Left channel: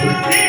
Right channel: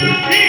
Thank you.